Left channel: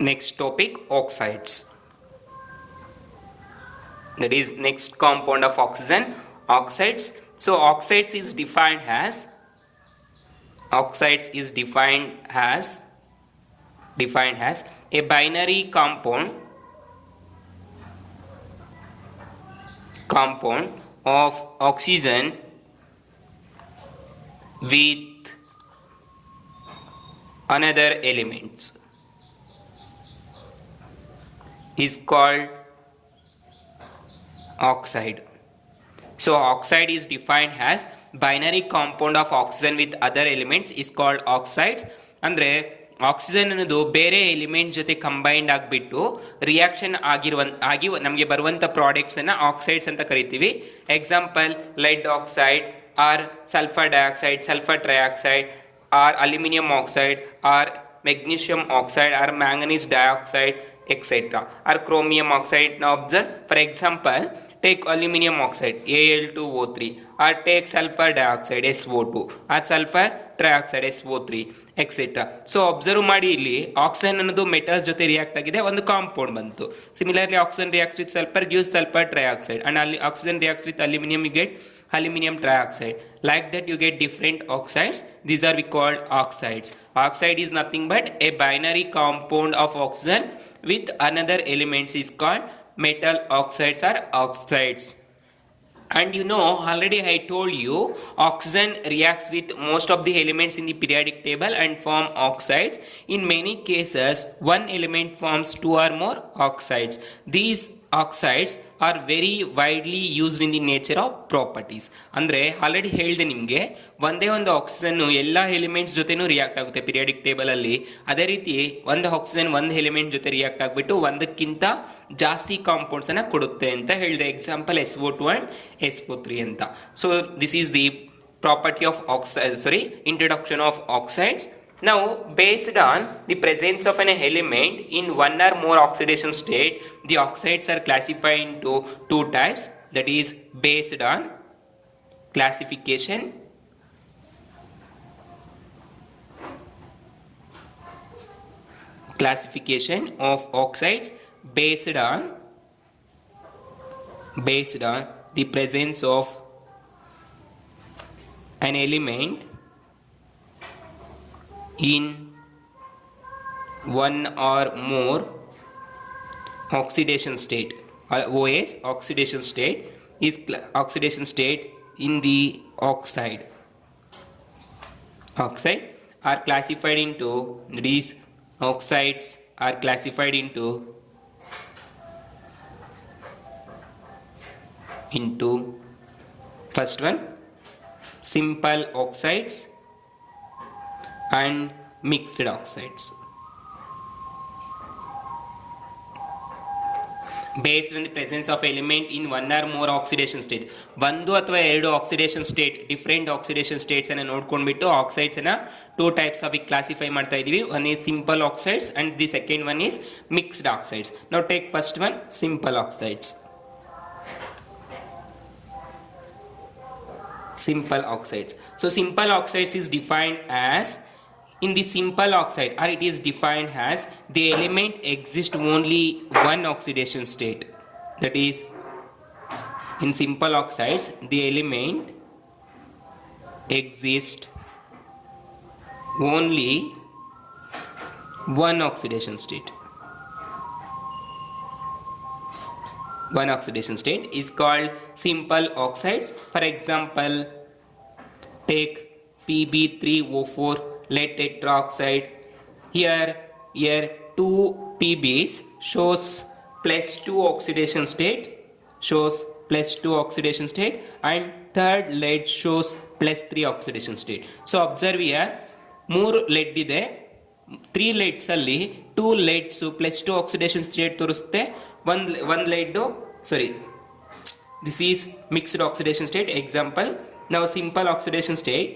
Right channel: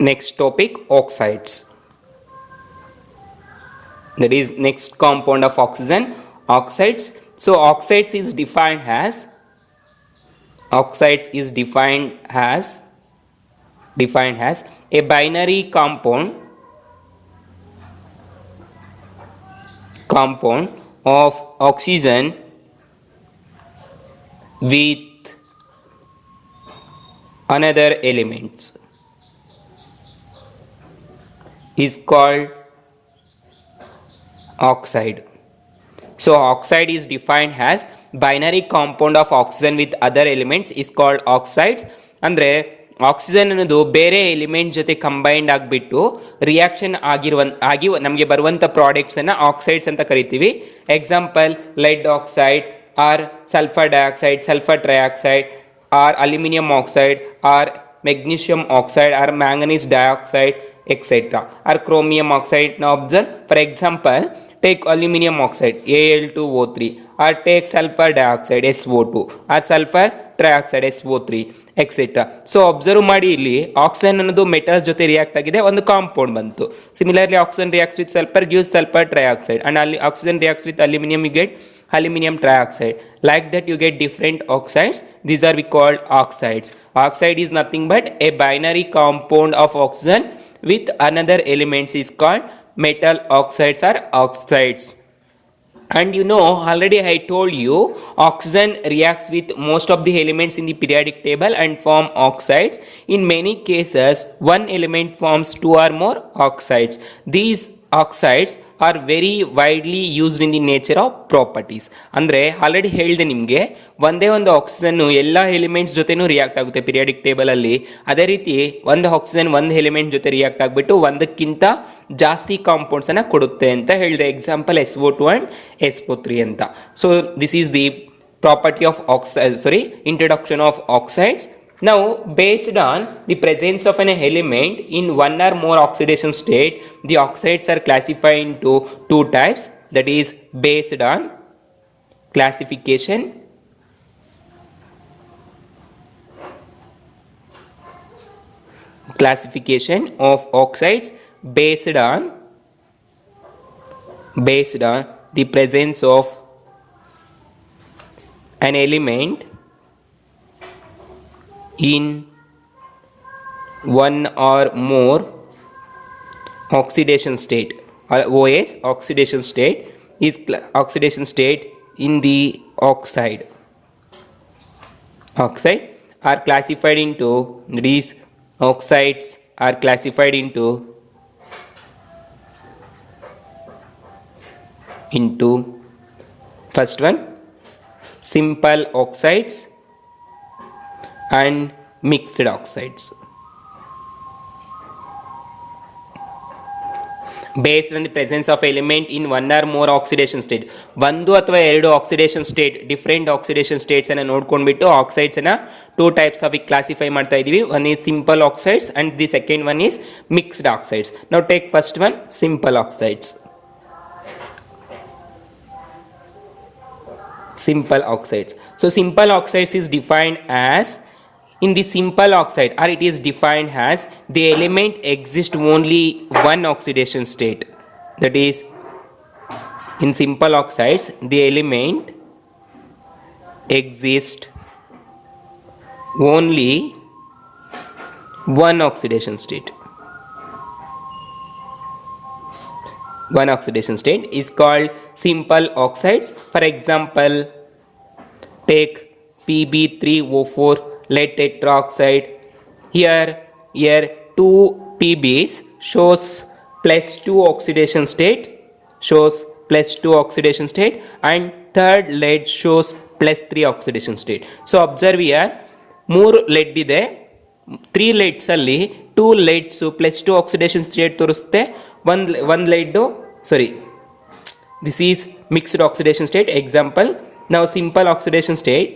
Next topic, oxides. That is next compound of oxygen, oxides. So oxides is defined as a binary compound of oxygen with another elements is called oxide. So oxide is defined as binary compound of oxygen with other elements is called oxides. ಅಂದರೆ oxygen ಅನ್ನೋದು ಬೇರೆ element ಜೊತೆ combined ಆಗಿಬಿಟ್ಟು reaction ಆಗಿ ನಮಗೆ ಬರುವಂಥ ಪ್ರಾಡಕ್ಟ್ಸನ್ನು oxides ಅಂತ ಕರಿತೀವಿ. Example lead oxide or sulphur dioxide, sulphur trioxide or aluminium oxide or magnesium oxide or manganese dioxide etc. or chromium oxide. Now observe, for example, take aluminum oxide Al2O3 or take sulfur dioxide SO2 or sulfur trioxide SO3 etc. So observe ಮಾಡಿ, ಇಲ್ಲಿ oxygen ಅನ್ನೋದು metals ಜೊತೆ react ಆಗಿದೆ, ಒಂದು compound ಬಂತು. Similarly oxygen reacts with sulphur gives sulfur trioxide and oxygen reacts with aluminum, you get aluminum trioxide. Like that you get different oxides. These are we called oxides. Oxide is nothing but a binary compound of oxygen with another elements is called metal oxides or oxides. And you know, already I told you, oxygen reacts with most of the elements in the periodic table and form oxides. In many cases, one element forms two or more oxides. These oxides are very widely used in the nature of properties. ಅಂದರೆ already ಹೇಳಿದೆ ನಿಮಗೆ, ಒಂದೇ ಒಂದು oxygen ಎಲ್ಲ elements ಜೊತೆನೂ react ಆಗುತ್ತೆ periodic table ಅಲ್ಲಿ. ಅದೇ ರೀತಿ ಒಂದು ಆಕ್ಸಿಜನ್ ಒಂದು ಎಲಿಮೆಂಟ್ ಜೊತೆ ರಿಯಾಕ್ಟ್ ಆಗಿಬಿಟ್ಟು ಒಂದಕ್ಕಿಂತ ಜಾಸ್ತಿ ಕಾಂಪೌಂಡ್ಸ್ ಅನ್ನ ಕೊಡುತ್ತೆ ಅಂತ ಹೇಳಿದೆ. ಎಕ್ಸಾಂಪಲ್ SO2 and SO3 ಅಂತ. So this is the property of introduction of oxides. Now, based on the presence of an element in one or more oxidation state, the oxides are classified into two types. That is based on classification of oxides based on the presence of an element in one or more oxidation state, or OS oxidation state is oxidation state in the oxide are classified into, these oxides are classified into first one, simple oxides and mixed oxides. Based on the presence of element in one or more oxidation state, ಒಂದು ಅಥವಾ ಎರಡು oxidation state, different oxidation States ಅನ್ನು ನೋಡ್ಕೊಂಡ್ಬಿಟ್ಟು oxides ಅನ್ನ two types ಆಗಿ classify ಮಾಡ್ತಾ ಇದೀವಿ. One is simple oxides and the second one is mixed oxides. Now take first one, simple oxides. Simple oxides. So simple oxides is defined as, in the simple oxide, or it is defined as the element exists only one oxidation state. That is, in simple oxides the element exists only one oxidation state. One oxidation state is called simple oxides. For example, take Pb3O4 lead tetroxide. Here 2 Pb's shows +2 oxidation state, and third lead shows +3 oxidation state. So observe here, 3 lead ಇದೆ, 3 leads ಅಲ್ಲಿ 2 leads +2 oxidation state ತೋರಿಸುತ್ತೆ. one lead, this is mixed oxidation state. Example, now simple oxidation state,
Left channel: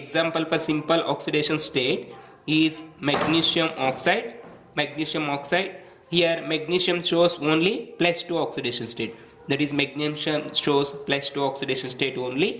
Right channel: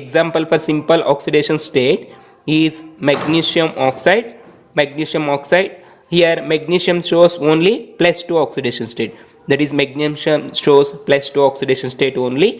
example for simple oxidation state is magnesium oxide. Here magnesium shows only +2 oxidation state, that is magnesium shows +2 oxidation state only.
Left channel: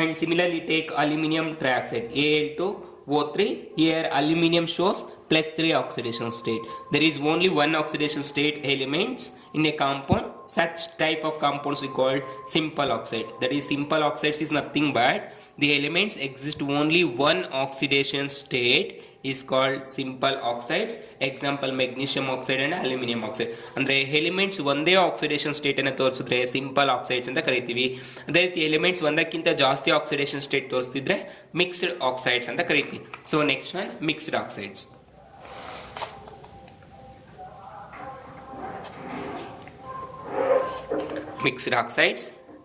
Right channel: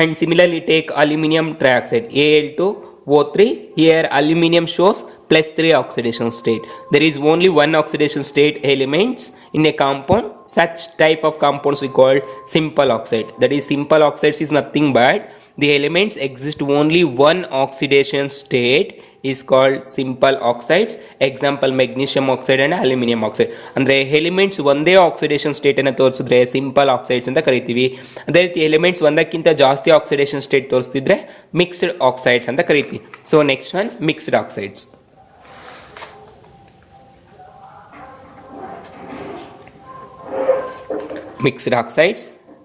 And similarly take aluminum trioxide, Al2O3. Here aluminum shows plus 3 oxidation state. There is only one oxidation state elements in a compound. Such type of compounds we call simple oxide. That is, simple oxides is nothing but the elements exist only one oxidation state is called simple oxides. Example, magnesium oxide and aluminum oxide. ಅಂದ್ರೆ elements ಒಂದೇ oxidation state ಅನ್ನು ತೋರಿಸಿದ್ರೆ simple oxides ಅಂತ ಕರಿತೀವಿ. ಅದೇ ರೀತಿ elements ಒಂದಕ್ಕಿಂತ ಜಾಸ್ತಿ ಆಕ್ಸಿಡೇಷನ್ ಸ್ಟೇಟ್ ತೋರಿಸ್ತಿದ್ರೆ ಮಿಕ್ಸ್ಡ್ ಆಕ್ಸೈಡ್ಸ್ ಅಂತ ಕರಿತೀವಿ. So next one mixed oxides.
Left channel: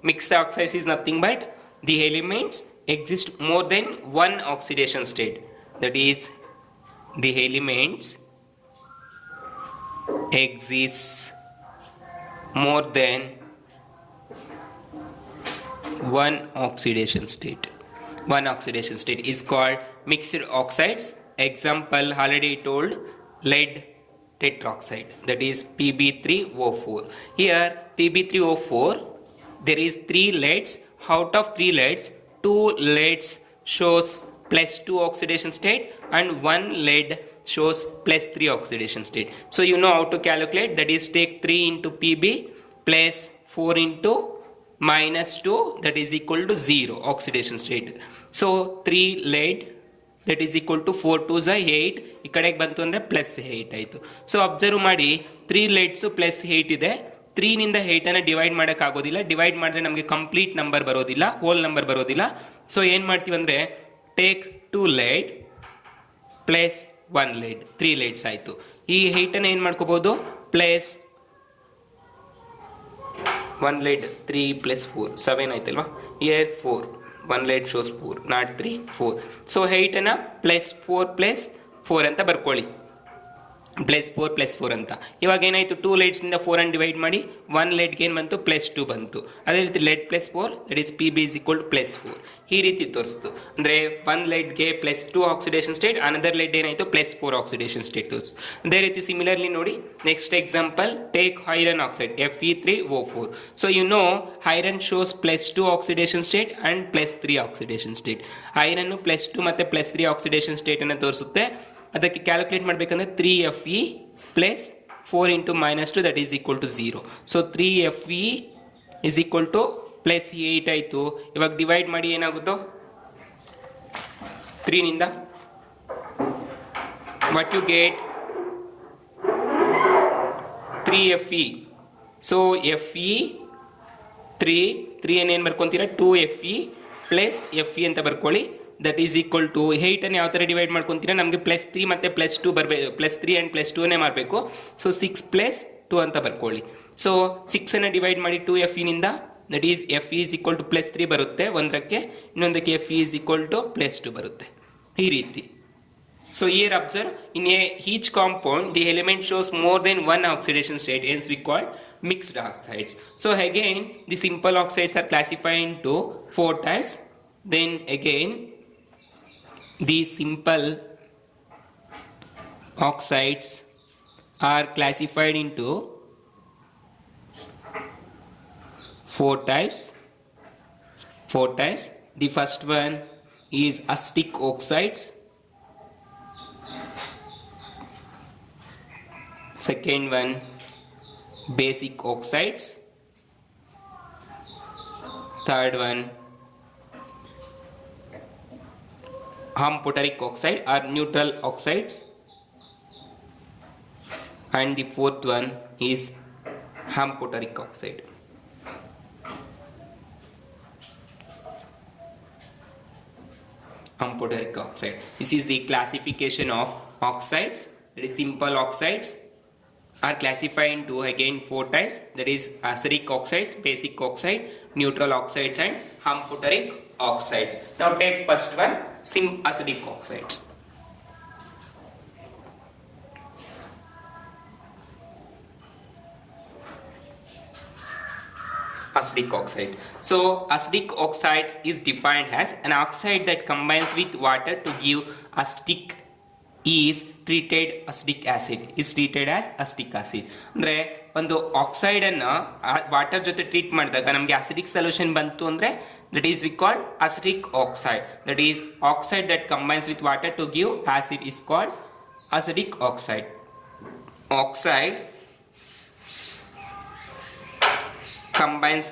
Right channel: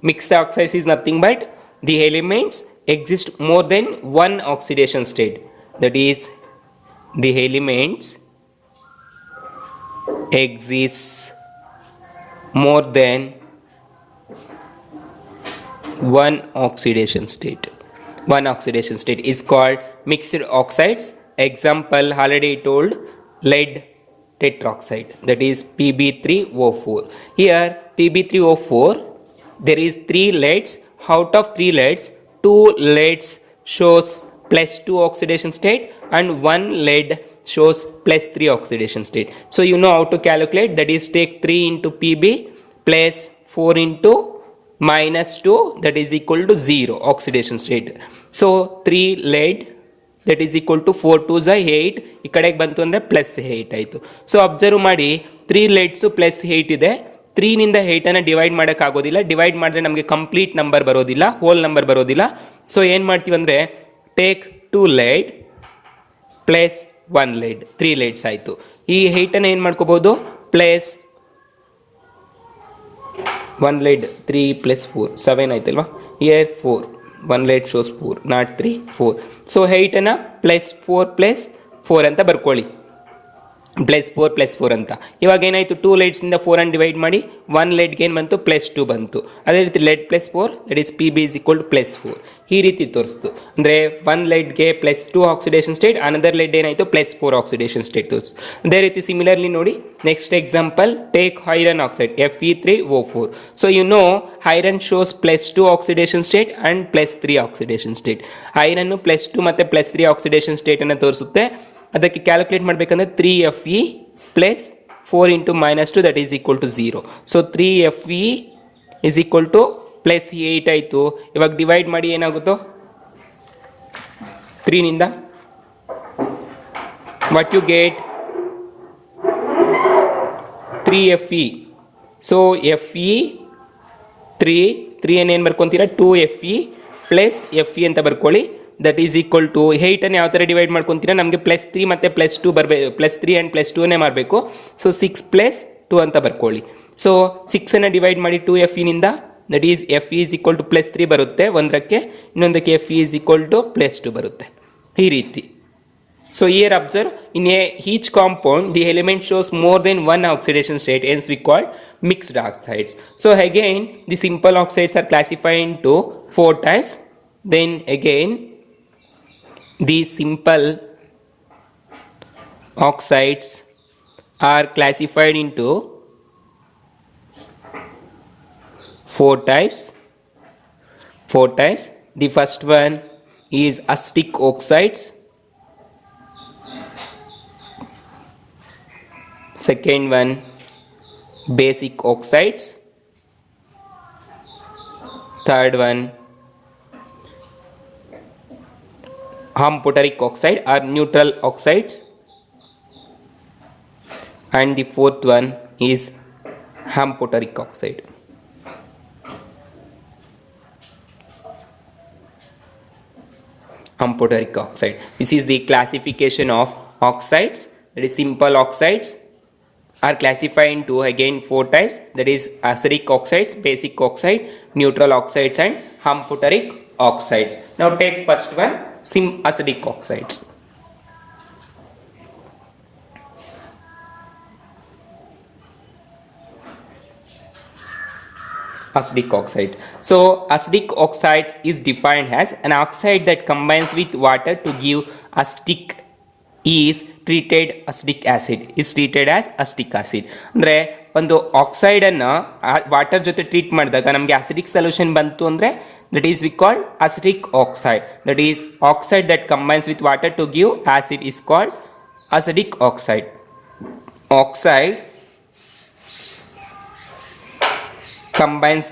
Mixed oxides is nothing but the elements exist more than one oxidation state. That is, the elements exist more than one oxidation state. One oxidation state is called mixed oxides. Example, already told, lead tetroxide, that is Pb3O4. Here Pb3O4, there is 3 leads. Out of 3 leads, 2 leads shows plus 2 oxidation state and 1 lead shows plus 3 oxidation state. So you know how to calculate. That is, take 3 into Pb plus 4 into minus 2, that is equal to 0 oxidation state. So 3 lead, that is equal to 4 2s 8. ಈ ಕಡೆಗೆ ಬಂತು ಅಂದರೆ plus 8 ಆಯಿತು. So observe ಮಾಡಿ, 3 leads plus 8 ಇದೆ. 3 ನಿಂದ 8 divide ಮಾಡೋಕ್ಕಾಗೋದಿಲ್ಲ. Divide ಮಾಡಿದ್ರೆ ನಮಗೆ ಕಂಪ್ಲೀಟ್ ನಂಬರ್ ಬರೋದಿಲ್ಲ, ಹೋಲ್ ನಂಬರ್ ಬರೋದಿಲ್ಲ. ಸೊ ಏನು ಮಾಡ್ತೀವಿ ಅಂದರೆ, take 2 lead plus 1 lead, 3 leads ಆಯಿತು. ಈ 8 ಏನು ಮಾಡ್ಕೋಬೋದು, ಪ್ಲಸ್ 1 lead 3 plus 4 7 ಆಯ್ತಲ್ವಾ. here 4, 1 lead shows 4, not 3, 4. So 8 plus 4 plus 4 ಅಂತ ಬರ್ಕೊಳ್ಳಿ, ಪ್ಲಸ್ 4 ಪ್ಲಸ್ 4 ಅಂತ. ಇವಾಗ ಏನಾಯಿತು, 2 leadsನಿಂದ 4 ಡಿವೈಡ್ ಮಾಡಿ 1 leadಗೆ ಏನು ಬಂತು, ಪ್ಲಸ್ 2 ಬಂತು. ಅದೇ ರೀತಿ lead plus 4, that is Pb is equal to plus 4. ಈ ರೀತಿ ತೋರಿಸ್ತು. ಅಂದರೆ 1 leadಗೆ plus 2 oxidation state, another lead ಏನಾಯಿತು, ಪ್ಲಸ್ 4 ಆಕ್ಸಿಡೇಷನ್ ಸ್ಟೇಟ್ ತೋರಿಸ್ತು. ಅದೇ ರೀತಿ ಸಿಮಿಲರ್ಲಿ ನೋಡಿ, next example, take iron oxide Fe3O4. So you know iron shows plus 2 oxidation state and plus 3 oxidation state. ಐರನ್ನು ಪ್ಲಸ್ 2 ಮತ್ತು ಪ್ಲಸ್ 3 ಆಕ್ಸಿಡೇಷನ್ ಸ್ಟೇಟನ್ನು ತೋರಿಸುತ್ತೆ. ಅದಕ್ಕೆ ಕ್ಯಾಲ್ಕುಲೇಟ್ ಮಾಡಬೇಕಂದ್ರೆ 3Fe plus 4 into minus 2, that is equal to 0. So 3Fe is equal to plus 8 ಆಯಿತು. ಇವಾಗ divide ಮಾಡಿ ಏನಾಗುತ್ತೋ, 3 ನಿಂದ what you get, 3Fe. So Fe 3 ಏನು ಬರ್ಕೊತೀರಾ, 2Fe ಪ್ಲಸ್ Fe ಅಂತ ಬರ್ಕೊಳ್ಳಿ. ದಟ್ ಈಸ್ ಈಕ್ವಲ್ ಟು 8 ಯಾವ ಥರ ಡಿವೈಡ್ ಮಾಡ್ಕೊತೀರಾ, ನಮಗೆ ಪ್ಲಸ್ 3 ಮತ್ತು ಪ್ಲಸ್ 2 ಬರಬೇಕು, ಪ್ಲಸ್ 3 ಆ್ಯಂಡ್ ಪ್ಲಸ್ 2ನೇ ಮಾಡಬೇಕು. ಸೊ 6 ಪ್ಲಸ್ 2 ಅಂತ ಬರ್ಕೊಳ್ಳಿ. ಸೊ 6 ಡಿವೈಡ್ ಮಾಡಿ 2Feನಿಂದ, that is Fe is equal to plus 3 ಬರುತ್ತೆ ಒಂದಕ್ಕೆ, ಇನ್ನೊಂದಕ್ಕೆ Fe is equal to plus 2 ಬರುತ್ತೆ. ಈ ರೀತಿ. So here observe, in each compound the element shows more than one oxidation state, hence we call mixed oxides. So again, the simple oxides are classified into 4 types. Then again, the simple oxides are classified into 4 types. The first one is acidic oxides. Second one, basic oxides. Third one, amphoteric oxide or neutral oxides. And the fourth one is amphoteric oxide. Amphoteric oxide. This is the classification of oxides. That is, simple oxides are classified into again 4 types. That is acidic oxides, basic oxide, neutral oxides and amphoteric oxides. Now take first one, acidic oxides. Acidic oxide. So acidic oxides is defined as an oxide that combines with water to give acidic is treated acidic acid, is treated as acidic acid. ಅಂದರೆ ಒಂದು ಆಕ್ಸೈಡನ್ನು water ಜೊತೆ treat ಮಾಡಿದಾಗ ನಮಗೆ acidic solution ಬಂತು ಅಂದರೆ that is we call acidic oxide. That is oxide that combines with water to give acid is called acidic oxide. Oxide combines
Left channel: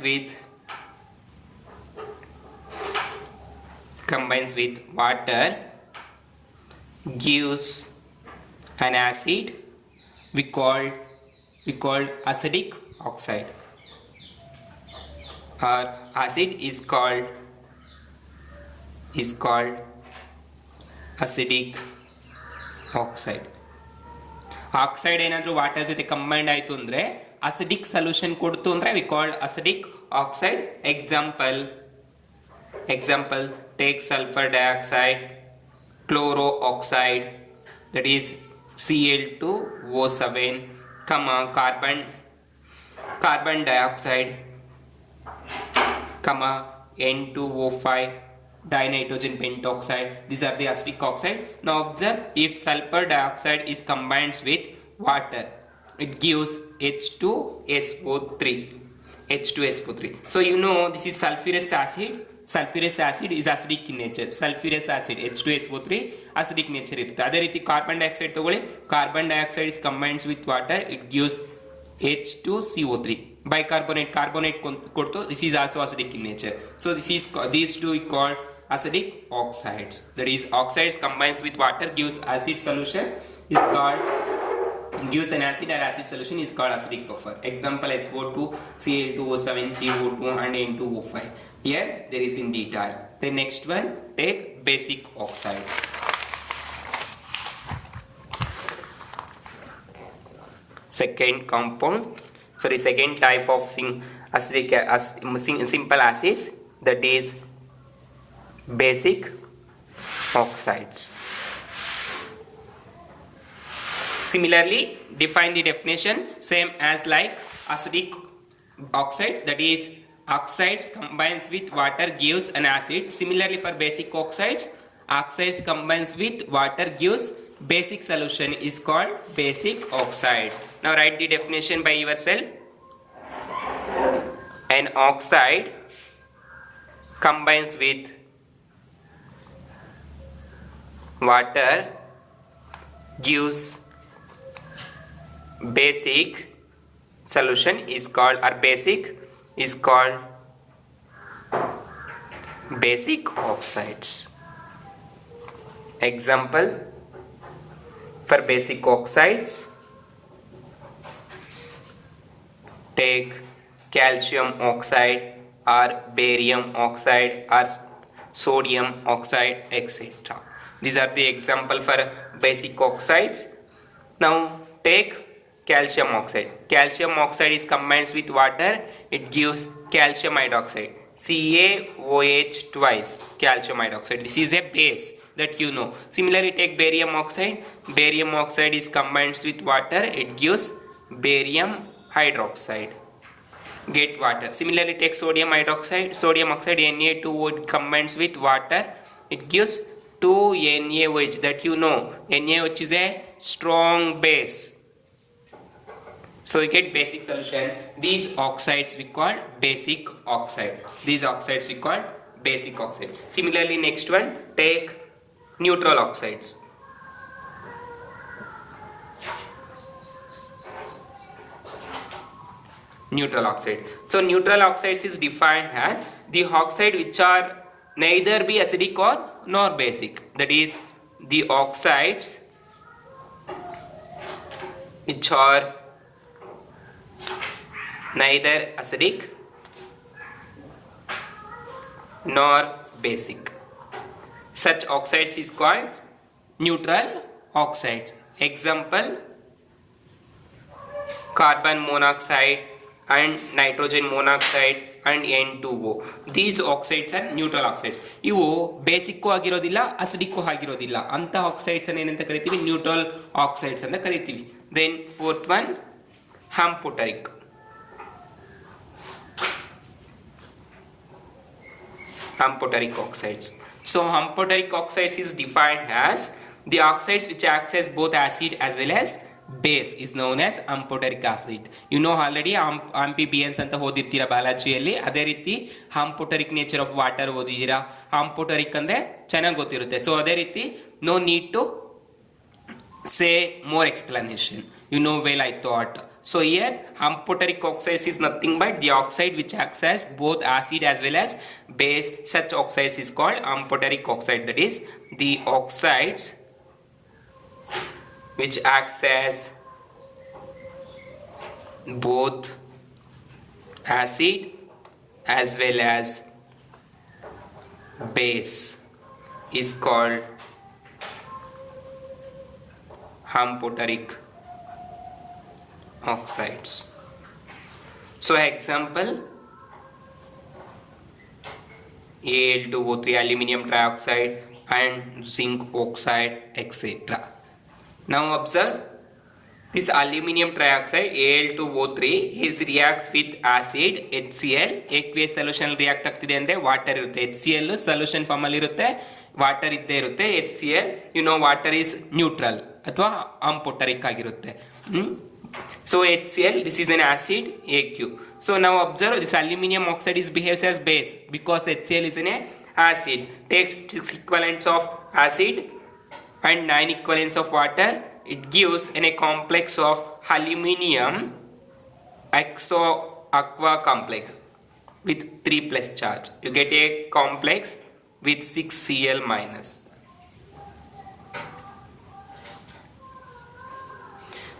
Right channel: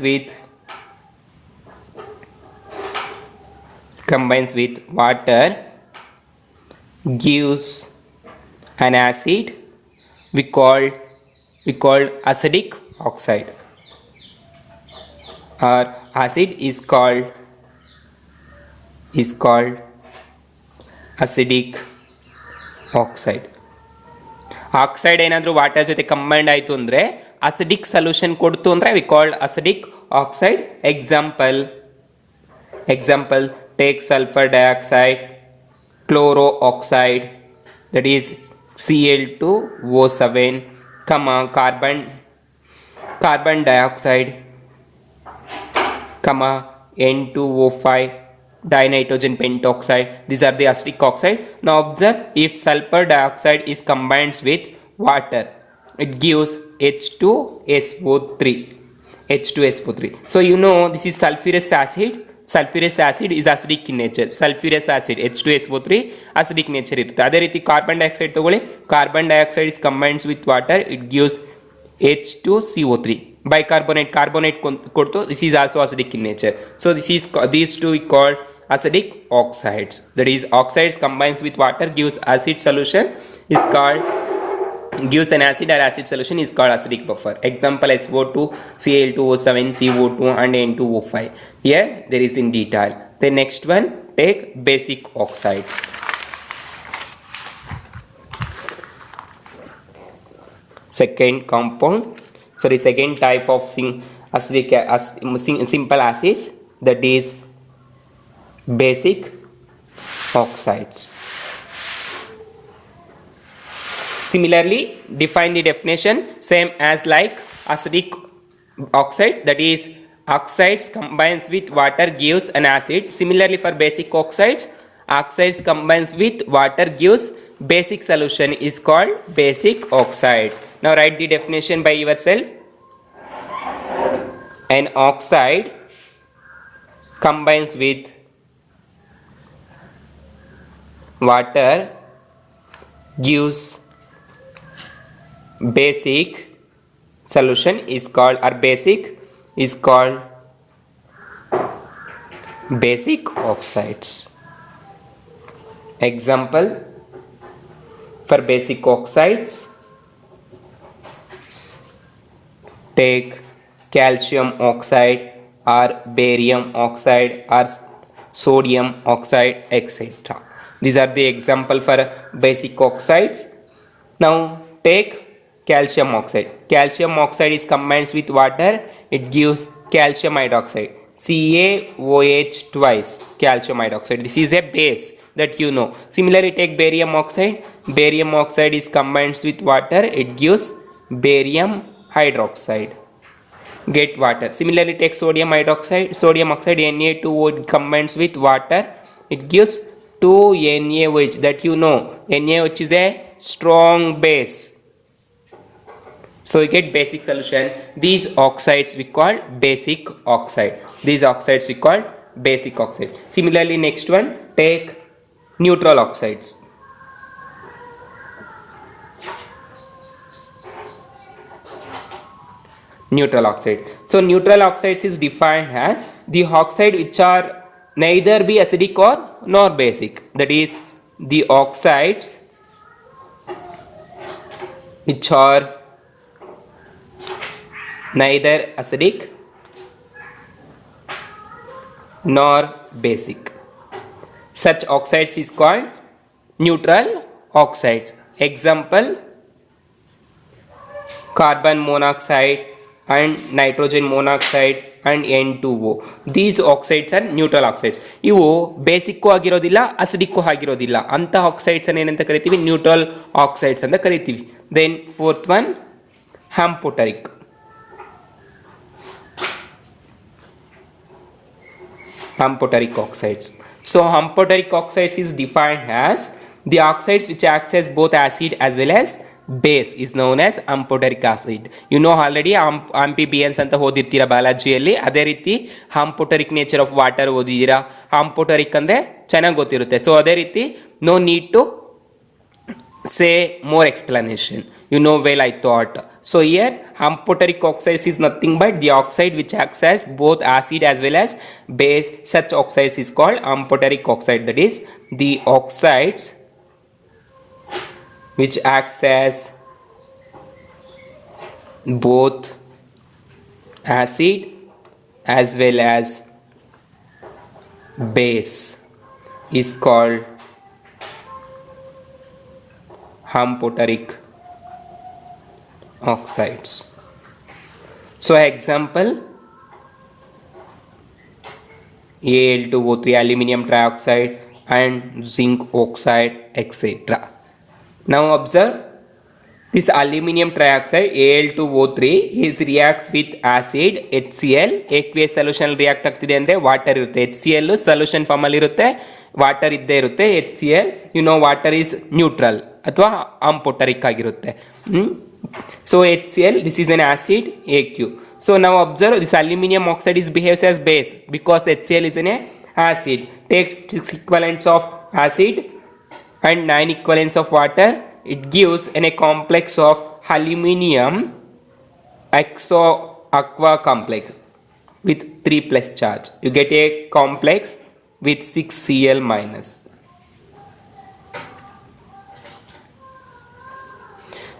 with water, gives an acid. We call acidic oxide, or acid is called acidic oxide. Oxide ಏನಾದರೂ water ಜೊತೆ combined ಆಯಿತು ಅಂದರೆ acidic solution ಕೊಡ್ತು ಅಂದರೆ we called acidic oxide. Example take sulphur dioxide, chloro oxide that is Cl2O7, carbon dioxide, N2O5, dinitrogen pentoxide. These are the acidic oxide. Now observe, if sulfur dioxide is combined with water, it gives H2SO3. So you know this is sulfurous acid. Sulfurous acid is acidic in nature. Sulfurous acid H2SO3 acidic nature ಇರುತ್ತೆ. ಅದೇ ರೀತಿ carbon dioxide ತಗೊಳ್ಳಿ. Carbon dioxide is combined with water, it gives H2CO3. Bicarbonate, carbonate ಕೊಡ್ತು, this is also acidic in nature. So these two we call acidic oxides. That is, oxides combines with water, gives acid solution is called, gives an acid or acid solution is called acidic buffer. Example SO2, Cl2O7, CO2 and N2O5. Here there is in detail. The next one, take basic oxides. Second type of simple acids, that is basic oxides. Similarly, define the definition same as like acidic oxide, that is oxides combines with water gives an acid. Similarly for basic oxides combines with water gives basic solution is called basic oxides. Now write the definition by yourself. An oxide combines with water gives basic solution is called, or basic is called basic oxides. Example for basic oxides, take calcium oxide or barium oxide or sodium oxide, etc. These are the example for basic oxides. Now take calcium oxide. Calcium oxide is combined with water, it gives calcium hydroxide, CaOH twice, calcium hydroxide. This is a base that you know. Similarly take barium oxide. Barium oxide is combined with water, it gives barium hydroxide. Get water. Similarly take sodium hydroxide. Sodium oxide Na2O combines with water, it gives 2NaOH, that you know. NaOH is a strong base. So we get basic solution. These oxides we call basic oxide. Similarly next one, take neutral oxides. Neutral oxide. So neutral oxides is defined as the oxide which are neither be acidic or nor basic. That is, the oxides which are neither acidic nor basic. Such oxides is called neutral oxides. Example, carbon monoxide and nitrogen monoxide and N2O. These oxides are neutral oxides. ಇವು basic ಆಗಿರೋದಿಲ್ಲ, ಅಸಿಡಿಕ್ಕು ಆಗಿರೋದಿಲ್ಲ. ಅಂತ oxides ಅನ್ನು ಏನಂತ ಕರಿತೀವಿ? Neutral oxides ಅಂತ ಕರಿತೀವಿ. Then fourth one, amphoteric. Amphoteric oxides. So amphoteric oxides is defined as the oxides which acts as both acid as well as base is known as amphoteric acid. You know already amphibians ಅಂತ ಓದಿರ್ತೀರಾ ಬಯಾಲಜಿಯಲ್ಲಿ. ಅದೇ ರೀತಿ amphoteric nature of water ಓದಿದ್ದೀರಾ. amphoteric ಅಂದರೆ ಚೆನ್ನಾಗಿ ಗೊತ್ತಿರುತ್ತೆ. So ಅದೇ ರೀತಿ no need to say more explanation. You know well, I thought. So here amphoteric oxides is nothing but the oxide which acts as both acid as well as base. Such oxides is called amphoteric oxide. That is the oxides which acts as both acid as well as base is called amphoteric oxides. So example, Al2O3 aluminum trioxide and zinc oxide, etc. Now observe this aluminum trioxide Al2O3 is reacts with acid HCl. aqueous solution react ಆಗ್ತಿದೆ ಅಂದ್ರೆ water ಇರುತ್ತೆ, HCl solution form ಅಲ್ಲಿ ಇರುತ್ತೆ, water ಇದ್ದೇ ಇರುತ್ತೆ. HCl you know water is neutral ಅಥವಾ amphoteric ಆಗಿರುತ್ತೆ. So HCl, this is an acid, AQ. So now observe this aluminum oxide is behaves as base because HCl is an acid. Takes 6 equivalents of acid and 9 equivalents of water. It gives a complex of aluminum exo aqua complex with 3 plus charge. You get a complex with 6 Cl minus.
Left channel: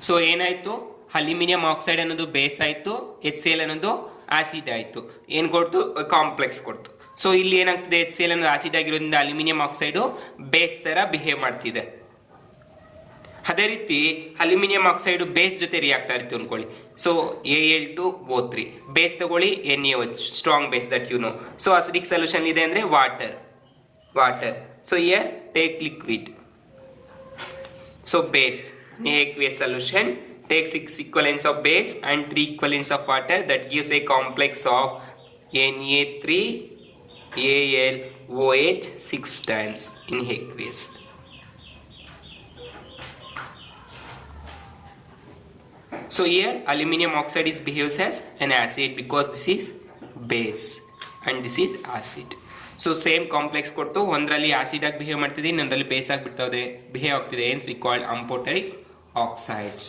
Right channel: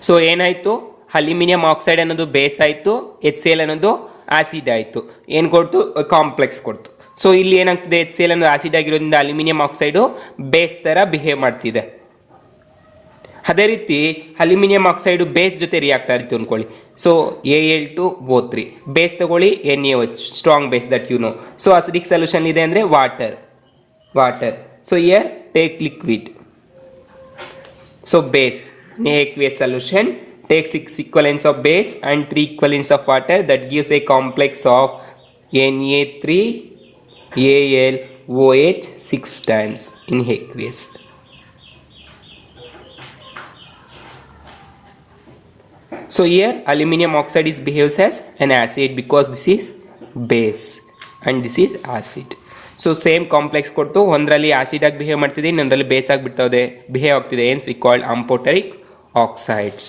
So ಏನಾಯಿತು, aluminium oxide ಅನ್ನೋದು base ಆಯಿತು, HCl ಅನ್ನೋದು acid ಆಯಿತು. ಏನು ಕೊಡ್ತು, complex ಕೊಡ್ತು. So ಇಲ್ಲಿ ಏನಾಗ್ತಿದೆ, HCl ಅನ್ನೋದು ಆಸಿಡ್ ಆಗಿರೋದ್ರಿಂದ ಅಲ್ಯೂಮಿನಿಯಂ ಆಕ್ಸೈಡು ಬೇಸ್ ಥರ ಬಿಹೇವ್ ಮಾಡ್ತಿದೆ. ಅದೇ ರೀತಿ ಅಲ್ಯೂಮಿನಿಯಂ ಆಕ್ಸೈಡು ಬೇಸ್ ಜೊತೆ ರಿಯಾಕ್ಟ್ ಆಯಿತು ಅಂದ್ಕೊಳ್ಳಿ. ಸೊ Al2O3 ಬೇಸ್ ತಗೊಳ್ಳಿ, NaOH strong base that you know. So acidic solution ಇದೆ ಅಂದರೆ water. So here take liquid. So base in aqueous solution take 6 equivalents of base and 3 equivalents of water. That gives a complex of Na3AlOH 6 times in aqueous. So here aluminum oxide is behaves as an acid because this is base and this is acid. So same complex ಕೊಟ್ಟು ಒಂದರಲ್ಲಿ acid ಆಗಿ behave ಮಾಡ್ತಿದೆ, ಇನ್ನೊಂದರಲ್ಲಿ base ಆಗಿ behave ಆಗ್ತಿದೆ. ಏನ್ಸ್ we called amphoteric oxides.